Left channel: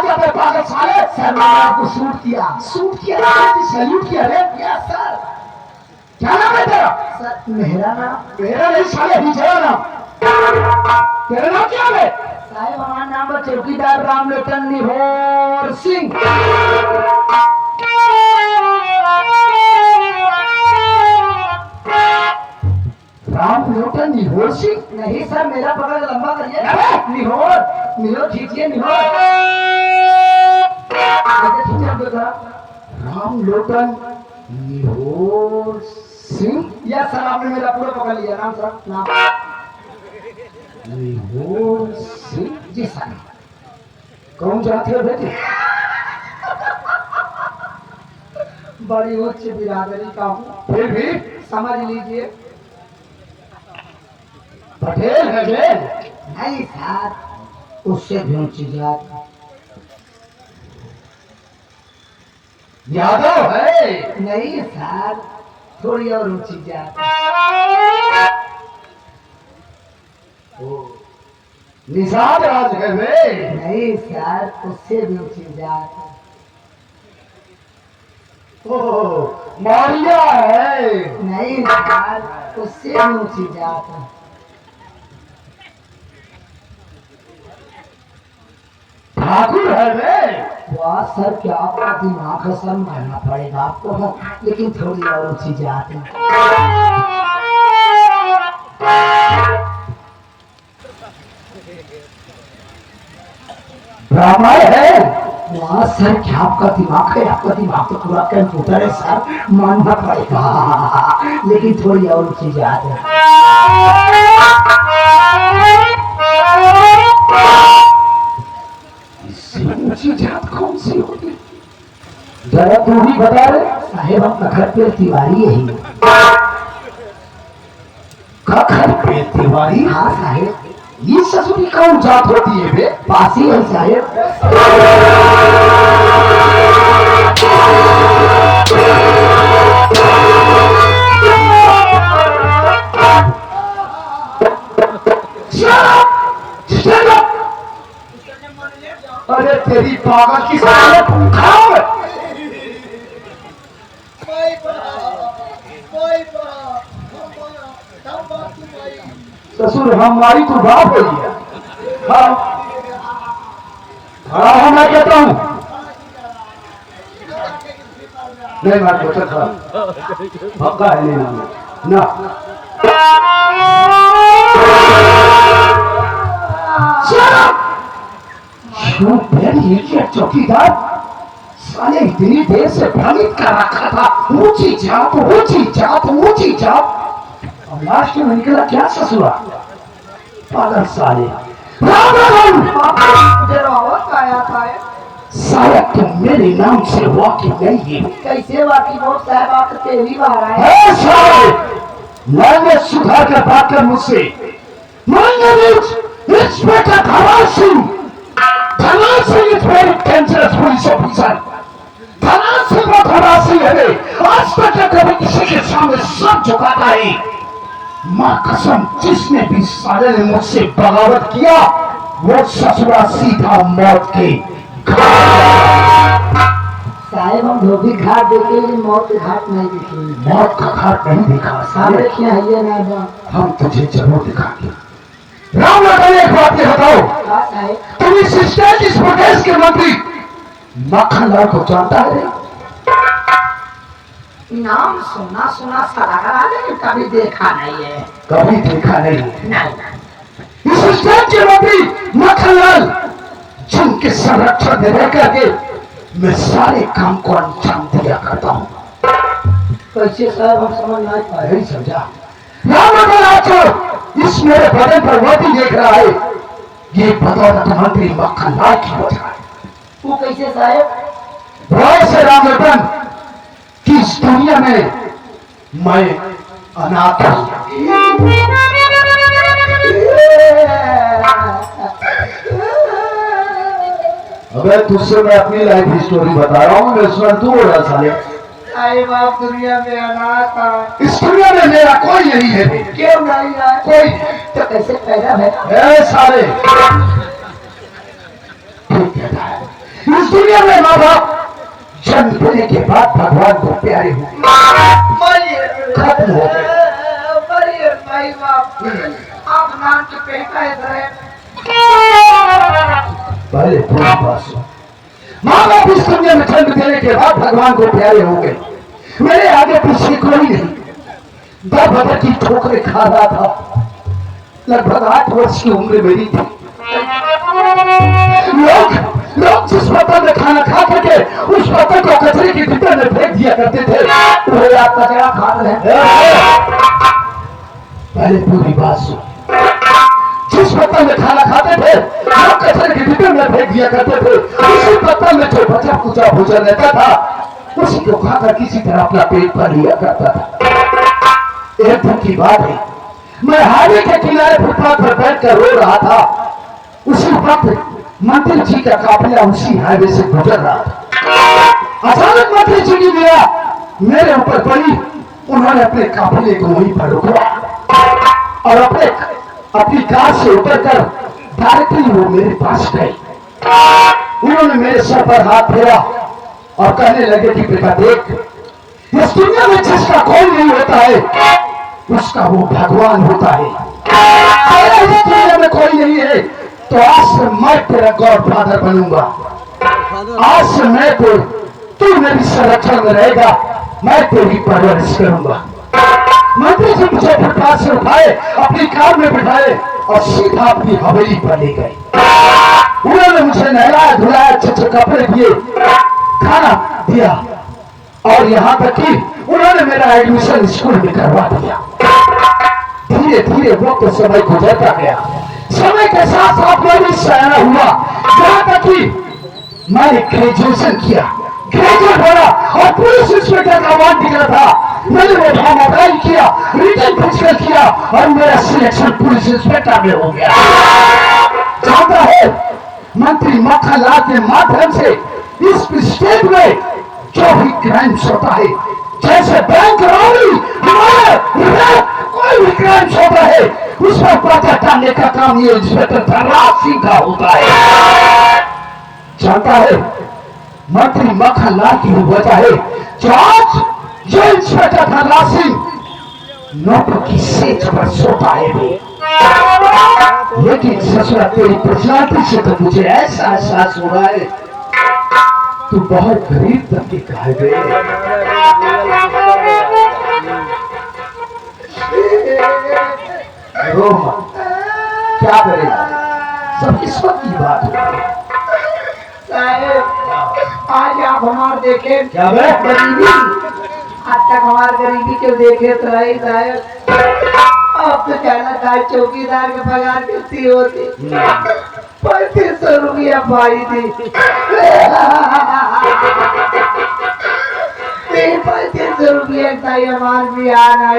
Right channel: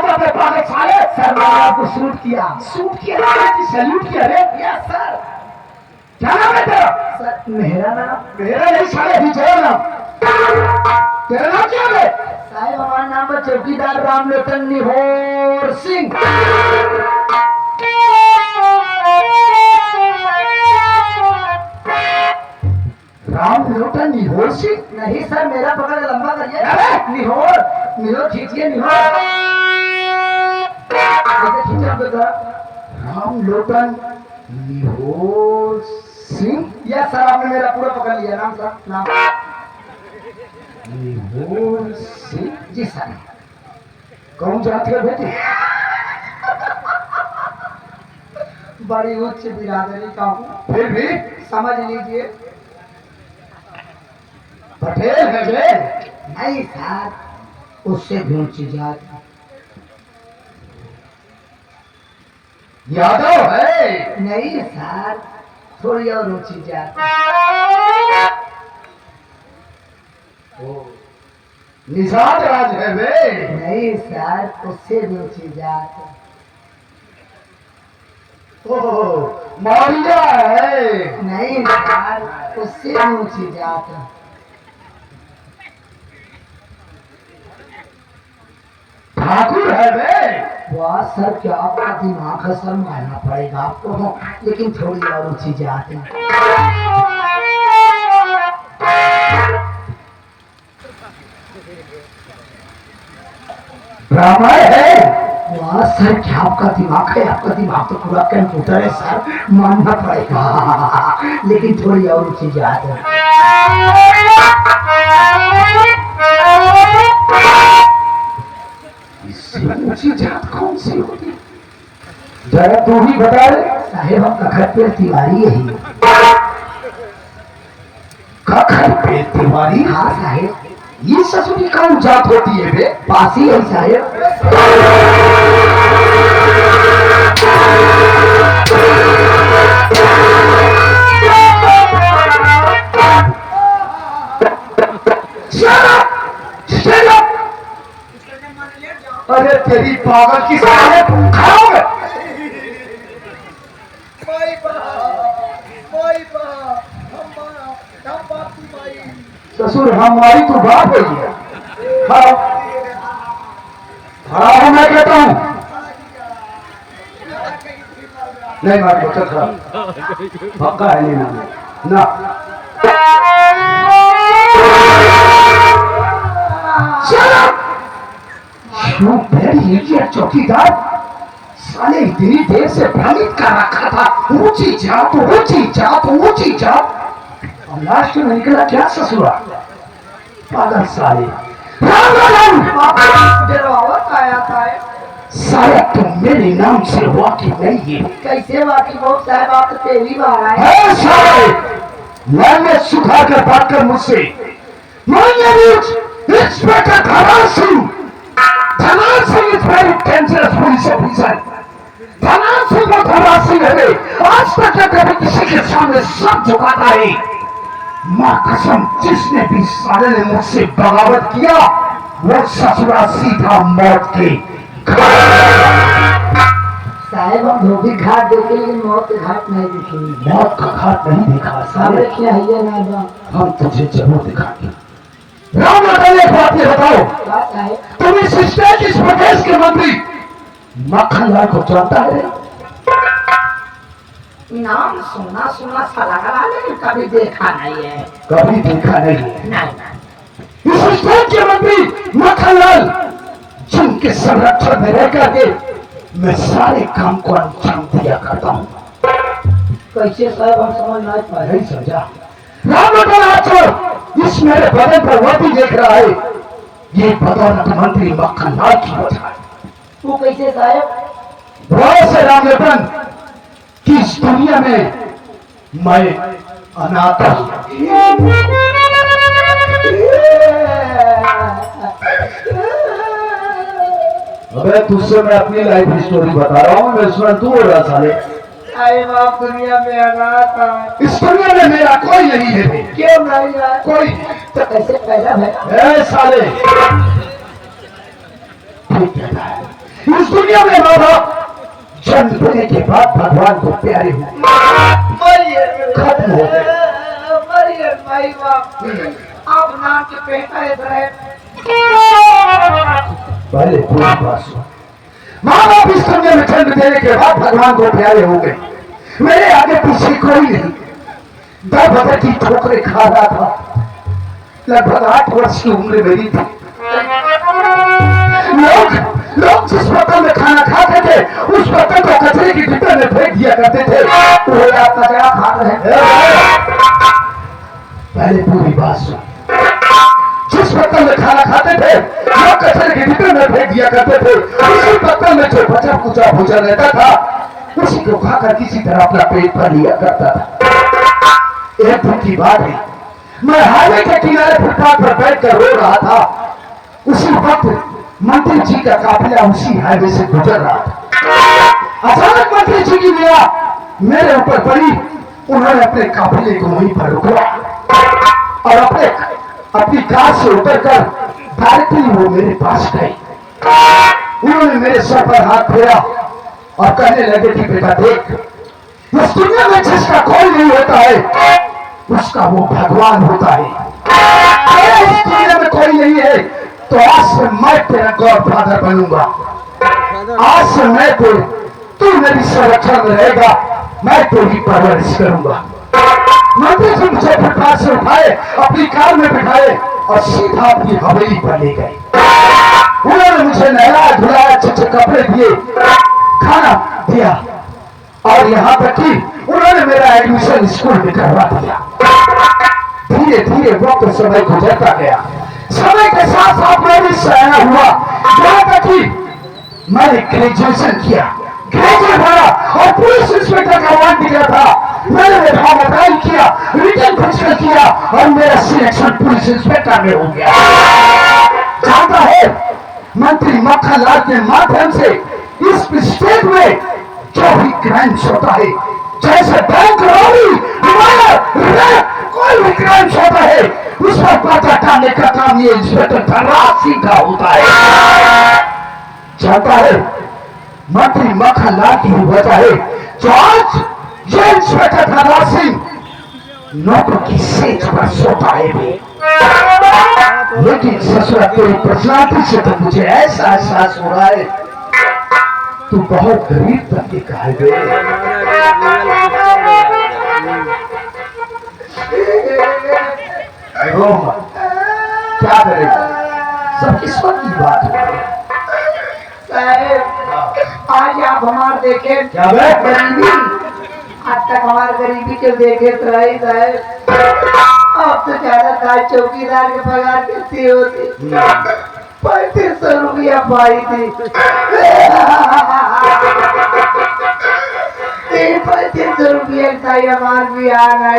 कहा जाते पागल साले? सर मैंने आपको शूट किया। शूट किया, सैल्यूट किया रे। Yes sir. क्या नाम है तेरा? सर मेरा नाम? मेरा नहीं साले, हिजड़ा नाम। तेरा नाम क्या है? साहब हमारा नाम है चौकीदार रामलोटन निहोर सिंह। रामलोटन निहोर सिंह? नहीं सर, मेरा पकड़ लंबा करिए। अरे! निहोर निहोर खींचिए, निहोर ऐसे खींचिए आप जरा। रामलोटन निहोर सिंह? यस सर, आपने मेरा पूरा पकड़ लिया नाम सर। नाम निहोर सिंह? जी सर। कौन जाते हो बेटी? बड़ी उच्च बिरादरी का हूँ, फिर भी समझ लीजिए। पटेल है रे? नहीं सर, उससे भी ऊंची जात। यादव है? नहीं सर, थोड़ी और ऊंची जात। निषाद राज है वे? नहीं सर, उससे भी ऊंची जात। ओह, मारिया है? नहीं सर, उससे भी ऊंची जात। ठाकुर है वे? वाह सर, क्या आपका दिमाग है सर, मानना पड़ेगा आपको, लेकिन थोड़ी और ऊंची जात है। ब्राह्मण है? वाह सर, क्या आपका दिमाग है, आपका दिमाग तो पूरा कंप्यूटर है सर, मानना पड़ेगा, लेकिन थोड़ी और ऊंची जात है। इससे ऊंची जात कौन सी होगी? जरा तू ही बता रे। साहेब हम कखर पे तिवारी यही। कखर पे तिवारी? हाँ साहेब। ये ससुरी कौन जात होती है बे? पासी है साहेब। Shut up! अरे तेरी पागल की साले खराब है। ससुर हमारी तो बाप है ये। हाँ, खड़ा हूँ मैं कहता हूँ। नहीं मार बच्चा खड़ा पक्का है, नहीं ना चौकीदार साले इतनी देर से भ्रमित कर रखा था, ऊंची जात ऊंची जात ऊंची जात, और लास्ट में निकला क्या ससुरा? पागल साले। राम साला तुम मेरे नाम से वाकिफ नहीं है। कैसे वाकिफ हो साहब, आप तो पहली बार आए। है साले, मैंने सुखा कर बात कर मुझसे। इंस्पेक्टर धना Singh is very dangerous police officer. धना सिंह और धना सिंह है, आज तक न कभी किसी के सामने सब झुकाता है। माँ कसम, जिसने भी साले ने मुझसे बगावत किया वो ससुरा सीधा मौत के साहेब हम धोबी घाट देखे, लेकिन मौत के घाट नहीं देखे। मौत का घाट नहीं देखा साले। सामने क्या है ये ना? हम तुझे जरूर दिखाएंगे। राम लखन, एक बात ये बताओ, हाँ साहेब। तुम इस स्टेट इस प्रदेश के मंत्री मक्खनलाल को जानता है? नाम सुना सुना सा लग रहा है, लेकिन कभी देखा नहीं है। कभी देखा नहीं है। नहीं। इस स्टेट के मंत्री मक्खनलाल, जिनके संरक्षण में रह करके मैं सारे काम को अंजाम दिया करता हूँ। कैसे साहब, हम समझ नहीं पाए। नहीं समझा? राम लखन, आज इस मेरे बदन पर वो भी देख रहा है, ये बदौलत मंत्री मक्खनलाल की वजह है। वो कैसे साहेब? बहुत से राम लखन कि इस दुनिया में मैं अनाथ हूं। अबे तुझसे मैं अपनी लाइफ स्टोरी बता रहा हूँ, मैं सुन तू हो रहा साले। साहेब आप दुनिया में अनाथ है। इस दुनिया में मेरा कोई नहीं है। क्यों नहीं है? कोई तो कैसे पैदा है? ए साले, ठीक कहता है। इस दुनिया में माँ बाप जन्म देने के बाद भगवान को प्यारे हुए, खत्म हो गए। भाई बाप आप नाम के बेटा है साहब। पहले पूरी बात सुन। माँ बाप इस दुनिया में जन्म देने के बाद भगवान को प्यारे हो गए। मेरे आगे पीछे कोई नहीं, दर बदर की ठोकरें खा रहा था। लगभग 8 वर्ष की उम्र मेरी थी। लोग जिस पत्थर में खाना खा करके उस पत्थर को कचरे की डिब्बे में फेंक दिया करते थे, वो आप कचरा खा रहे हैं। पहले पूरी बात सुन। जिस पत्थर में खाना खाते थे लोग कचरे के डिब्बे में फेंक दिया करते थे, उसी पत्थर में जो बचा कुचा भोजन रहता था उसी को खाकर किसी तरह अपना पेट भर लिया करता था। एक दिन की बात है, मैं हाईवे के किनारे फुटपाथ पर बैठकर रो रहा था। उसी वक्त मंत्री जी का काफिला उसी हाईवे से गुजर रहा था। अचानक मंत्री जी की निगाह मेरे ऊपर पड़ी। उन्होंने अपने काफिले को वहीं पर रोका और अपनी कार से उतरकर डायरेक्टली वो मेरे पास गए। उन्होंने मेरे सर पर हाथ फेरा और कहने लगे कि बेटा देख, इस दुनिया में जिसका कोई नहीं होता है उसका वो भगवान होता है। अगर इस दुनिया में कोई नहीं है तो आज से मैं तेरा गॉड फादर बनूंगा। आज से मैं तू मेरी संरक्षण में रहेगा, मैं तेरी परवरिश करूंगा। मंत्री जी मुझे फुटपाथ से उठाए, अपनी कार में बिठाए और सीधा अपनी हवेली पर ले गए। उन्होंने मुझे नहलाया धुलाया, अच्छे कपड़े दिए, खाना दिया और यहाँ तक कि उन्होंने मेरा एडमिशन स्कूल में करवा दिया। धीरे धीरे वक्त समय गुजरता गया। समय के साथ साथ मैं भी सयाना हुआ, यहाँ तक कि मैंने ग्रेजुएशन किया, ग्रेजुएट बना और पुलिस इंस्पेक्टर का वार्ड निकला था। मैंने वो ड्रामाटाइज किया, रिटर्न फिजिकल किया और मेरा सिलेक्शन पुलिस इंस्पेक्टर में हो गया। जानता है, मंत्री मक्खन लाल के माध्यम से इस स्टेट में जो भी क्राइम्स होता है, जैसे बैंक रॉबरी, कोई भी क्राइम्स होता है, उस पर पर्चा डालने का काम ये इंस्पेक्टर धनराज सिंह का होता है। जानता है, मंत्री मक्खन लाल की वजह है जो आज ये इंस्पेक्टर धनराज सिंह नौकरी की सेज पर सोता है भी। लेकिन ससुरा तेरी पर्सनालिटी से तो मुझे ऐसा एहसास हुआ है तू बहुत गरीब तबके का है बे। क्या करेगा, सब ईश्वर की बात है। आज आप हमारे देखे क्या बे? गरीबी, आज तक हमारे गरीबी को देखे तो रही साहब। अब तो ज्यादा था, चौकीदार के पगार कितनी होती, 3500 रुपया पाई थी। 3500 रुपया हमारे भी आना है।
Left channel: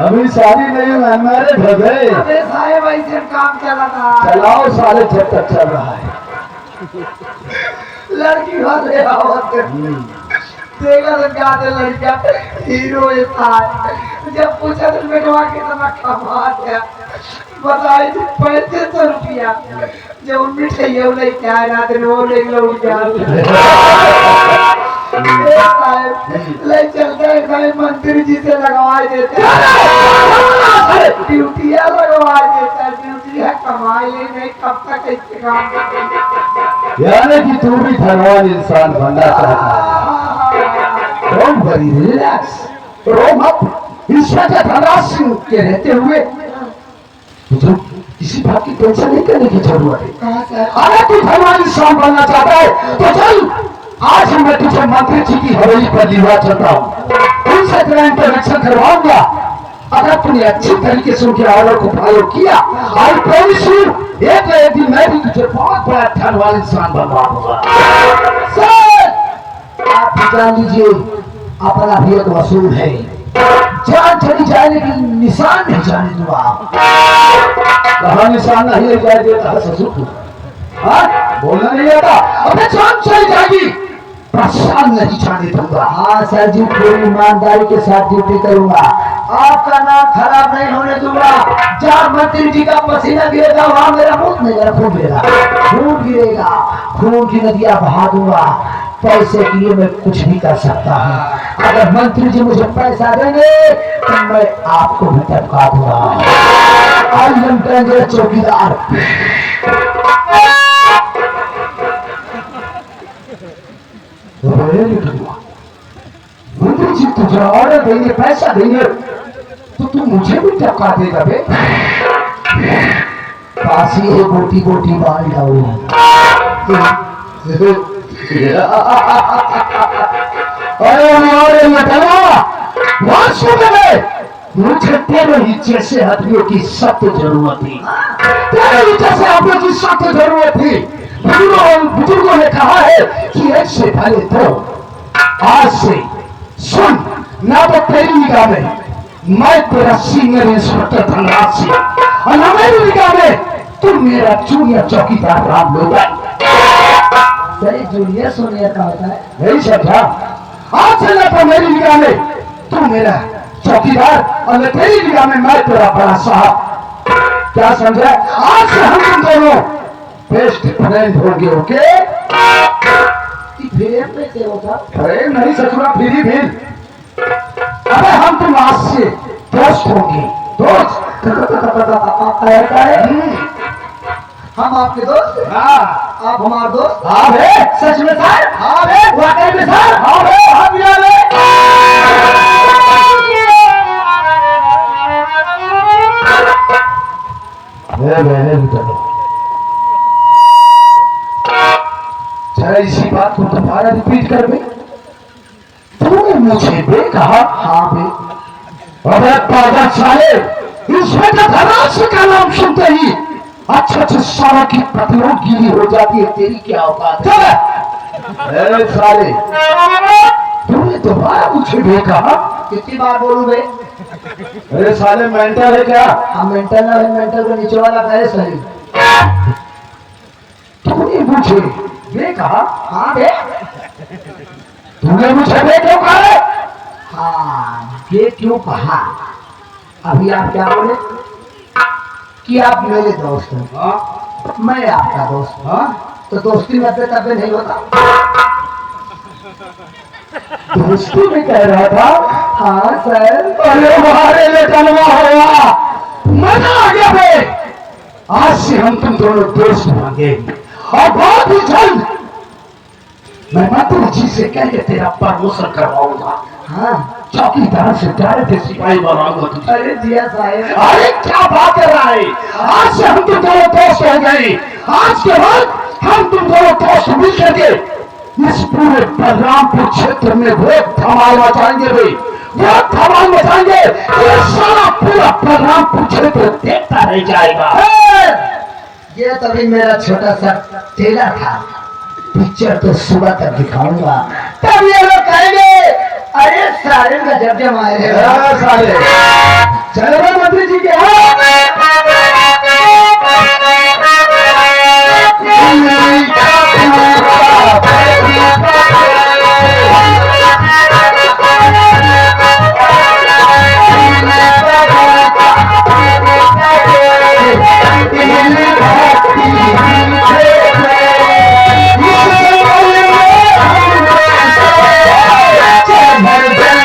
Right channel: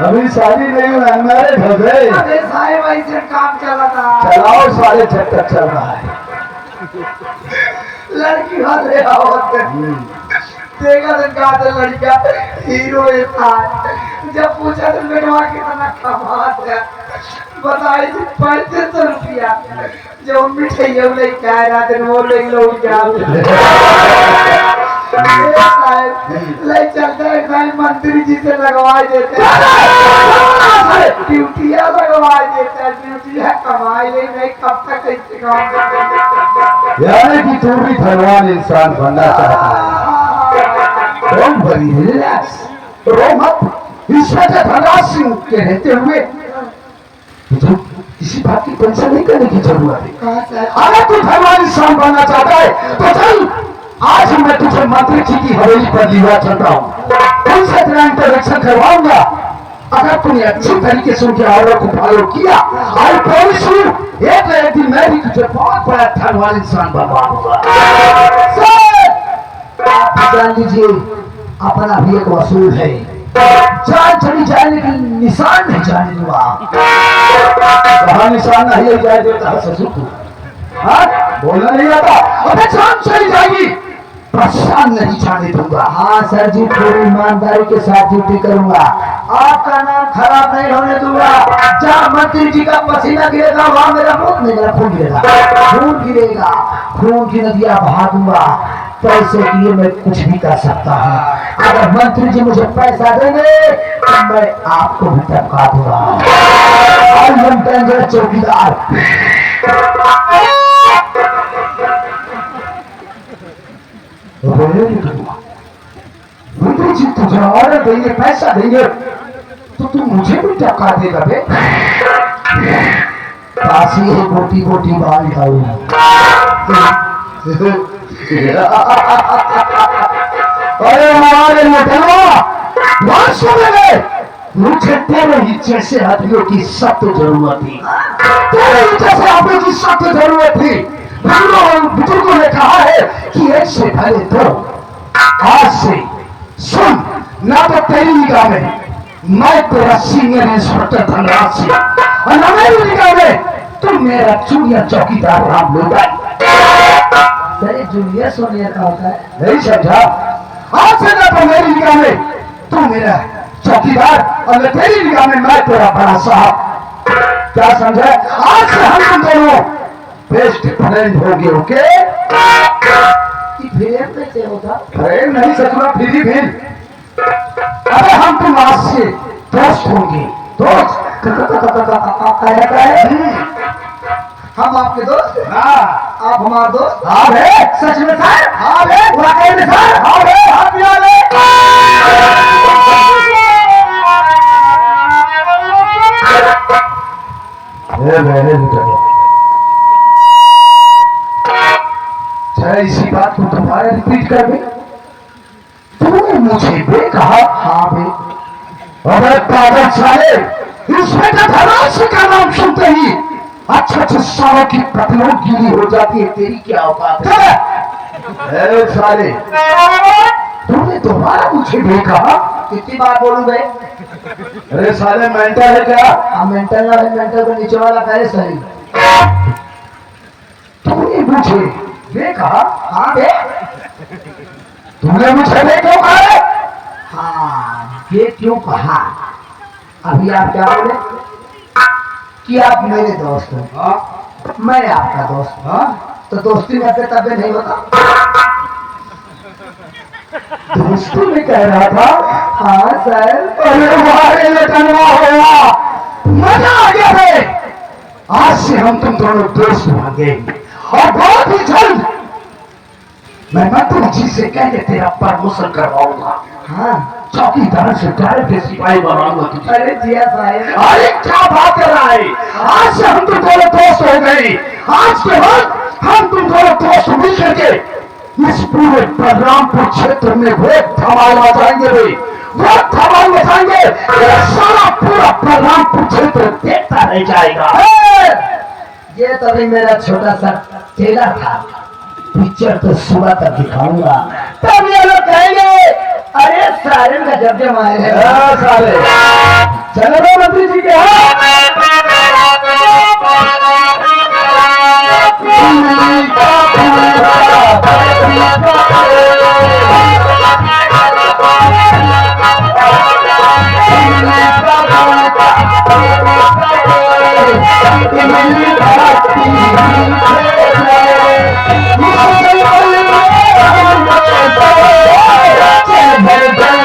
अभी शादी नहीं हुआ, हमारे भगए अबे साहब ऐसे काम चला था। चलाओ, साले जब तक चल रहा है। लड़की वाले होते देखा तो क्या था, लड़का हीरो था। जब पूछा तो बेटवा कितना कमात है, बताई 3500 रुपया। जब मिठाई नहीं क्या ना तो वो ले लो ले चलते हैं, मंत्री जी से लगवा देते, ड्यूटियाँ लगवा देते, ड्यूटियाँ कमाई नहीं, कब तक इसके काम। यानी कि तू भी भगवान इंसान बनना चाहता है। डोंट वरी, रिलैक्स, रो मत। इंस्पेक्टर धनराज सिंह के रहते हुए तुझे किसी बात की टेंशन नहीं करने की जरूरत है। अगर तू भगवान इंसान बनना चाहता है तो चल, आज मैं तुझे मंत्री जी की हवेली पर लिवा चलता हूँ, उनसे तेरा इंटरेक्शन करवाऊंगा। अगर तूने अच्छी तरीके से उनके ऑर्डर को फॉलो किया, आई प्रॉमिस यू, एक ना एक दिन मैं भी तुझे बहुत बड़ा धनवान इंसान बनवा दूंगा। आप जान लीजिए, अपना भी एक वसूल है। जान चली जाए लेकिन निशान नहीं जाने दूंगा। कहाँ निशान नहीं जाए देता है ससुर को? बोलना नहीं आता। अबे जान चली जाएगी परेशान नहीं जाने दूंगा। हाँ सर जी, पूरी ईमानदारी के साथ ड्यूटी करूंगा। आपका नाम खराब नहीं होने दूंगा। जहाँ मंत्री जी का पसीना गिरेगा वहाँ मेरा खून गिरेगा, खून की नदियाँ बहा दूंगा। पैसे के लिए मैं कुछ भी कर सकता हूँ। अगर मंत्री जी मुझे पैसा देंगे तो मैं आपको भी टपका दूंगा। और हम कहेंगे चौकीदार। मंत्री जी तुझे ऑर्डर देंगे, पैसा देंगे तो तू मुझे भी टपका देगा बे। काशी है गोटी गोटी बाल डाऊ। अरे यार बात सुन ले, मुझे तेरे ही जैसे आदमियों की सख्त जरूरत थी। तेरे ही जैसे आदमियों की सख्त जरूरत थी। बुजुर्गों ने कहा है कि ऐसे भले तो आज से सुन, ना तो तेरी निगाह में मैं तेरा सीनियर इंस्पेक्टर धनराज सिंह और न मेरी निगाह में तुम मेरा जूनियर चौकीदार राम लोढ़ाई। सर जूनियर सोनियर का होता है, नहीं समझा? आज से ना तो मेरी निगाह में तुम मेरा चौकीदार और न तेरी निगाह में मैं तेरा बड़ा साहब। क्या समझा? आज से हम दोनों बेस्ट फ्रेंड होंगे। ओके? फ्रेंड कैसे होगा? फ्रेंड नहीं सचुरा, फ्री भी। अबे हम तुम आज से दोस्त होंगे। दोस्त हम आपके दोस्त? हाँ। आप हमारे दोस्त? हाँ बे। सच में सर? हाँ बे। वाकई में सर? हाँ बे। हाँ बिना बे। मैंने भी कहा इसी बात को दोबारा रिपीट कर बे। तूने मुझे बे कहा? हाँ बे। अरे पागल साले, इंस्पेक्टर धनराज सिंह का नाम सुनते ही अच्छे सालों की पतलों गीली हो जाती है। तेरी क्या औकात है? ए साले, तूने दोबारा मुझे बे कहा? कितनी बार बोलूं बे? अरे साले मेंटल है क्या? हम मेंटल ना है, मेंटल को नीचे वाला पहले सही। तूने मुझे बे कहा? हाँ बे। तूने मुझे बे क्यों कहा? हाँ ये क्यों कहा? अभी आप क्या बोले कि आप मेरे दोस्त हैं, हाँ? मैं आपका दोस्त हूँ। हाँ? तो दोस्ती में तबे नहीं होता। दोस्ती में कह रहा था? हाँ सर। अरे हमारे लटनवा हुआ, मजा आ गया बे। आज से हम तुम दोनों दोस्त बनेंगे और बहुत ही जल्द मैं मंत्री जी से कह के तेरा प्रमोशन करवाऊंगा। हाँ चौकीदार से डायरेक्ट सिपाही बनाऊंगा तुझे। अरे जिया साहब, अरे क्या बात कर रहा है? आज से हम तुम दोनों दोस्त हो गए। आज के बाद हम तुम दोनों दोस्त मिल करके इस पूरे बलरामपुर क्षेत्र में बहुत धमाल मचाएंगे रे, बहुत धमाल मचाएंगे। ये सारा पूरा बलरामपुर क्षेत्र देखता रह जाएगा। ये तभी मेरा छोटा सा टेलर था। पिक्चर तो सुबह तक दिखाऊंगा, तब ये लोग कहेंगे अरे सारे गजब के मारे सारे चलो मंत्री जी के यहाँ। भर